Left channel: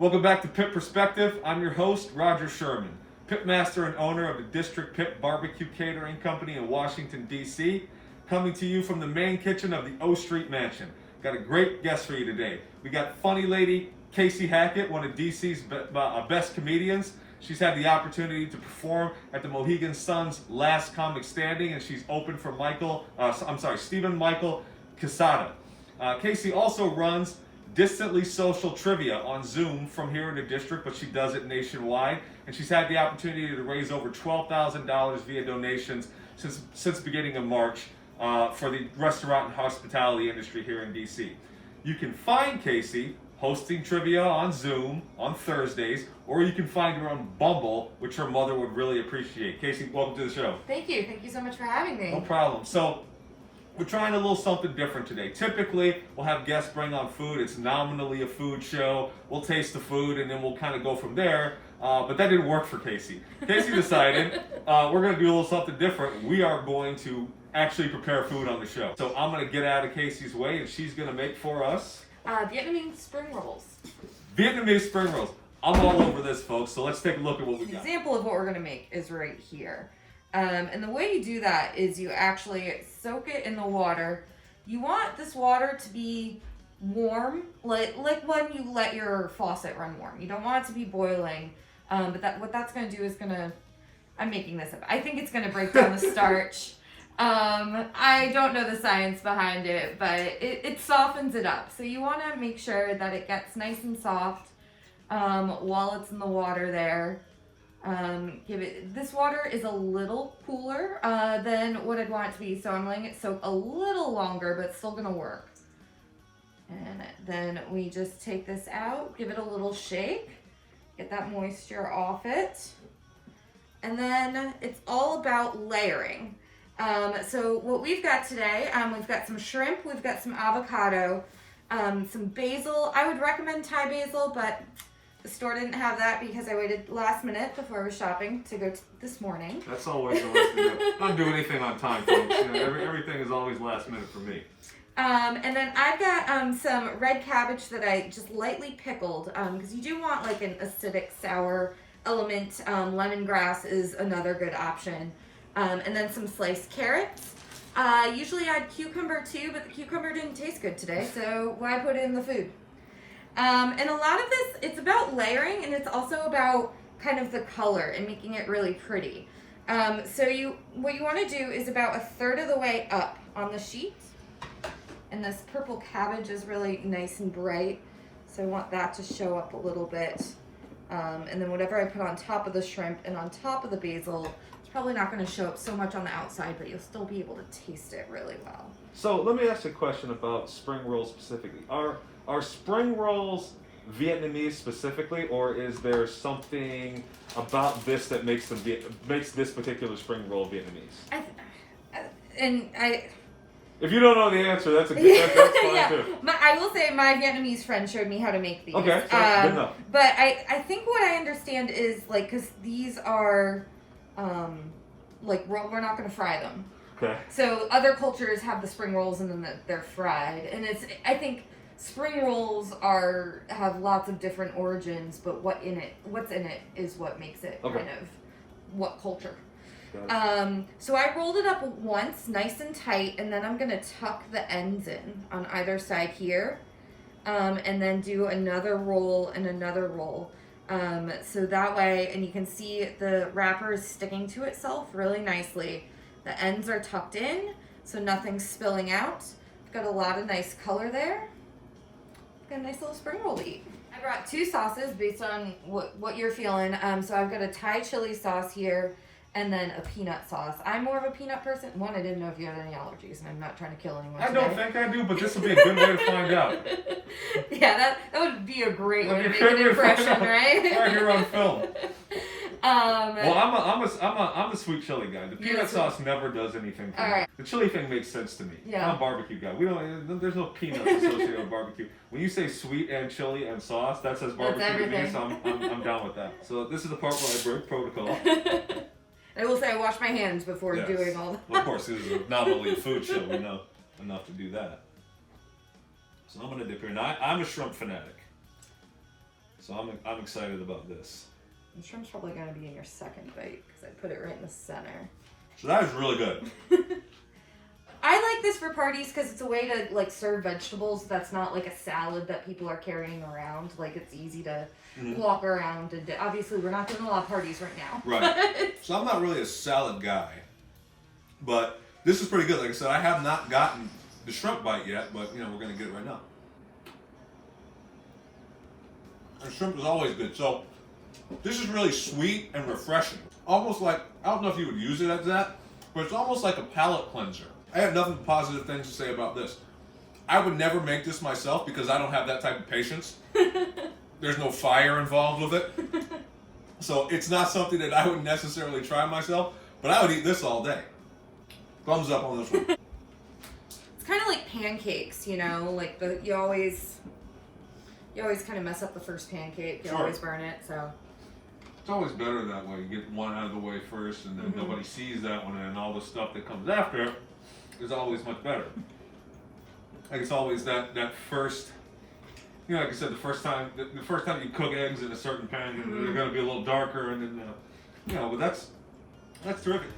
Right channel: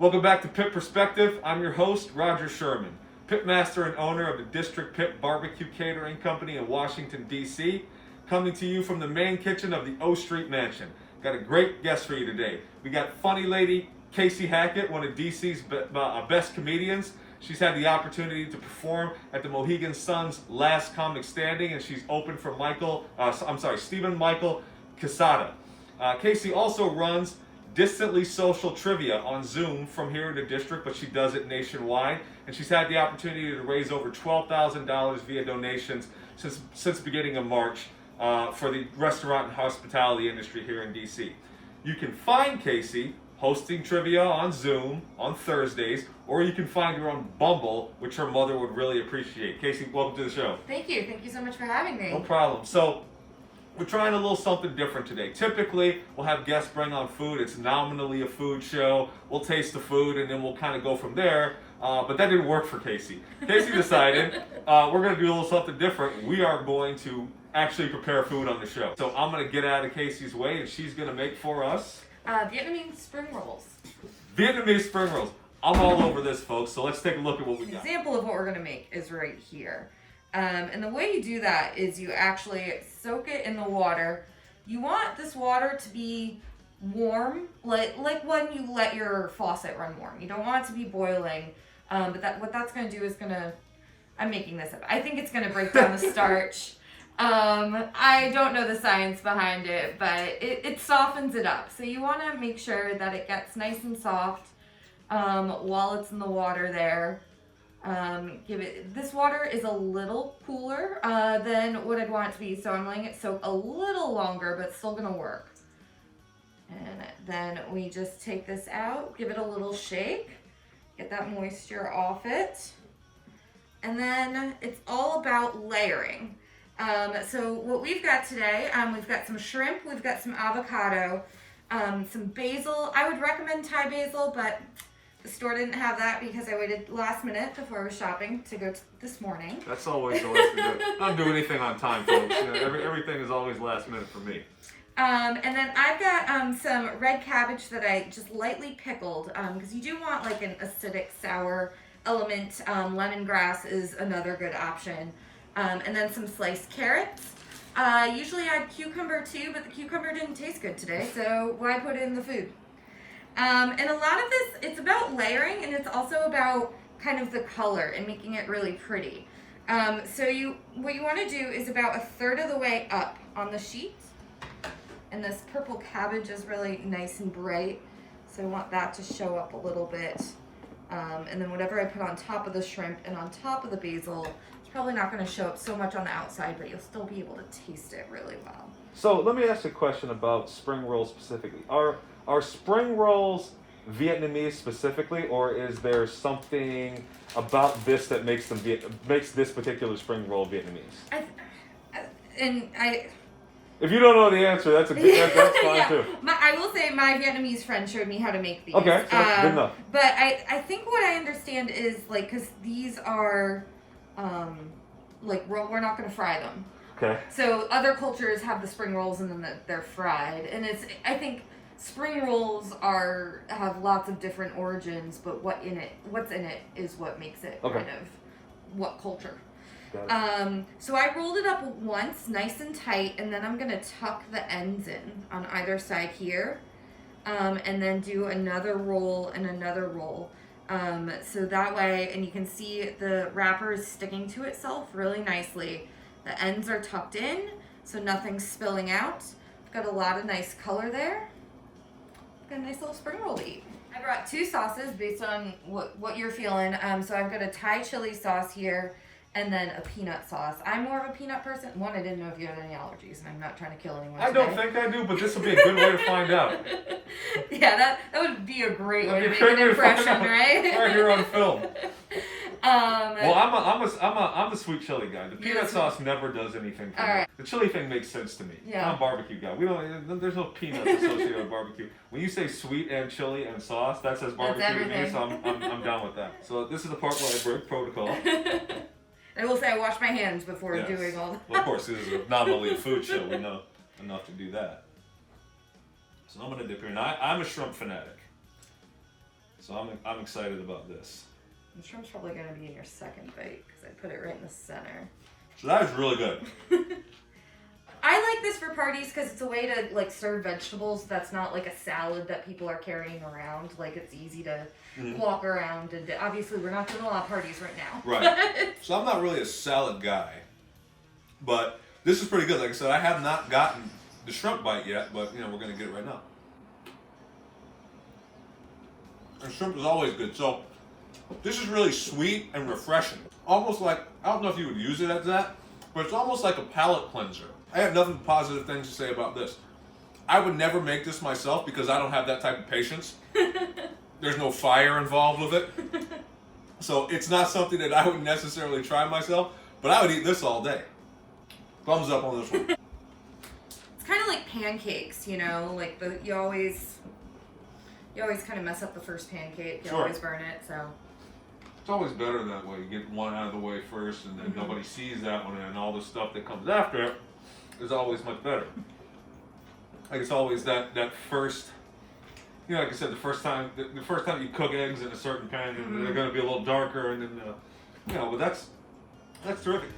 Welcome back to Pit Perspective. I'm your host, Roger Sherman, pitmaster and owner of the District Pit Barbecue Catering Company in Washington, D.C., coming to you from the main kitchen of the O Street Mansion. Got a great guest for you today. We got funny lady Kacie Hackett, one of D.C.'s best comedians. She's had the opportunity to perform at the Mohegan Sun's Last Comic Standing, and she's open for Stephen Michael Casada. Kacie also runs Distantly Social Trivia on Zoom from here in the district, but she does it nationwide. And she's had the opportunity to raise over $12,000 via donations since the beginning of March for the restaurant and hospitality industry here in DC. You can find Kacie hosting trivia on Zoom on Thursdays, or you can find her on Bumble, which her mother would really appreciate. Kacie, welcome to the show. Thank you. Thank you so much for having me. No problem. So, we're trying a little something different today. Typically, we'll have guests bring on food. It's nominally a food show. We'll taste the food, and then we'll kind of go from there. But that didn't work for Kacie. Kacie decided we're going to do a little something different. We are going to actually prepare food on the show. So I'm going to get out of Kacie's way, and she's going to make for us Vietnamese Spring Rolls. Vietnamese Spring Rolls. I'm all over this, folks. So let's take a look at what we got. An example of what we're going to make is right here. And the way you do that is you actually soak it in the water. You want this water to be warm, like when you let your faucet run warm. You don't want it to be boiling. But what that's going to do is I'm making this up. I think it's going to break down the starch. I don't know the science behind it, but it softens it up. So you want to make sure that it gets nice and soft while it's in the water there. This water is a little cooler than what I'd want it to be, so I'm letting it soak a little longer, but it's still gonna work. And then we just take this out, give it a little shake, get that moisture off it, and then it's all about layering. So what we've got today, we've got some shrimp, we've got some avocado, some basil. I would recommend Thai basil, but the store didn't have that because I waited last minute before I was shopping to go this morning. That's always the way to do it. Don't do anything on time, folks. You know, everything is always last minute for me. And then I've got some red cabbage that I just lightly pickled because you do want like an acidic sour element. Lemongrass is another good option. And then some sliced carrots. Usually I'd cucumber too, but the cucumber didn't taste good today, so why put it in the food? And a lot of this, it's about layering, and it's also about kind of the color and making it really pretty. So what you want to do is about a third of the way up on the sheet. And this purple cabbage is really nice and bright, so I want that to show up a little bit. And then whatever I put on top of the shrimp and on top of the basil, it's probably not going to show up so much on the outside, but you'll still be able to taste it really well. So let me ask you a question about spring rolls specifically. Are spring rolls Vietnamese specifically, or is there something about this that makes this particular spring roll Vietnamese? If you don't know the answer, that's a good answer. That's fine too. I will say my Vietnamese friend showed me how to make these. Okay, so that's good enough. But I think what I understand is like, because these are we're not going to fry them. Okay. So other cultures have the spring rolls and then they're fried, and I think spring rolls have lots of different origins, but what's in it is what makes it kind of what culture. So I rolled it up once, nice and tight, and then I'm gonna tuck the ends in on either side here, and then do another roll and another roll. So that way, and you can see the wrapper is sticking to itself really nicely. The ends are tucked in, so nothing's spilling out. Got a lot of nice color there. Got a nice little spring roll to eat. I brought two sauces based on what you're feeling. So I've got a Thai chili sauce here, and then a peanut sauce. I'm more of a peanut person. One, I didn't know if you had any allergies, and I'm not trying to kill anyone today. I don't think I do, but this would be a good way to find out. Yeah, that would be a great way to make an impression, right? Right here on film. Well, I'm a sweet chili guy. The peanut sauce never does anything for me. Right. The chili thing makes sense to me. Yeah. I'm a barbecue guy. There's no peanuts associated with barbecue. When you say sweet and chili and sauce, that says barbecue to me, so I'm down with that. So this is the part where I break protocol. I will say I wash my hands before doing all that. Well, of course, this is not only a food show. We know enough to do that. So I'm going to dip here. Now, I'm a shrimp fanatic. So I'm excited about this. The shrimp's probably going to be in your second bite because I put it right in the center. So that is really good. I like this for parties because it's a way to like serve vegetables that's not like a salad that people are carrying around. Like it's easy to walk around, and obviously we're not doing a lot of parties right now. Right. So I'm not really a salad guy, but this is pretty good. Like I said, I have not gotten the shrimp bite yet, but you know we're gonna get it right now. And shrimp is always good. So this is really sweet and refreshing. Almost like, I don't know if you would use it as that, but it's almost like a palate cleanser. I have nothing but positive things to say about this. I would never make this myself because I don't have that type of patience. There's no fire involved with it. So it's not something that I would necessarily try myself, but I would eat this all day. Thumbs up on this one. It's kind of like pancakes, you know, like you always kind of mess up the first pancake. You always burn it, so. It's always better that way. You get one out of the way first, and then nobody sees that one, and all the stuff that comes after it is always much better. Like it's always that first, you know, like I said, the first time you cook eggs in a certain pan, they're going to be a little darker, and then, you know, but that's terrific.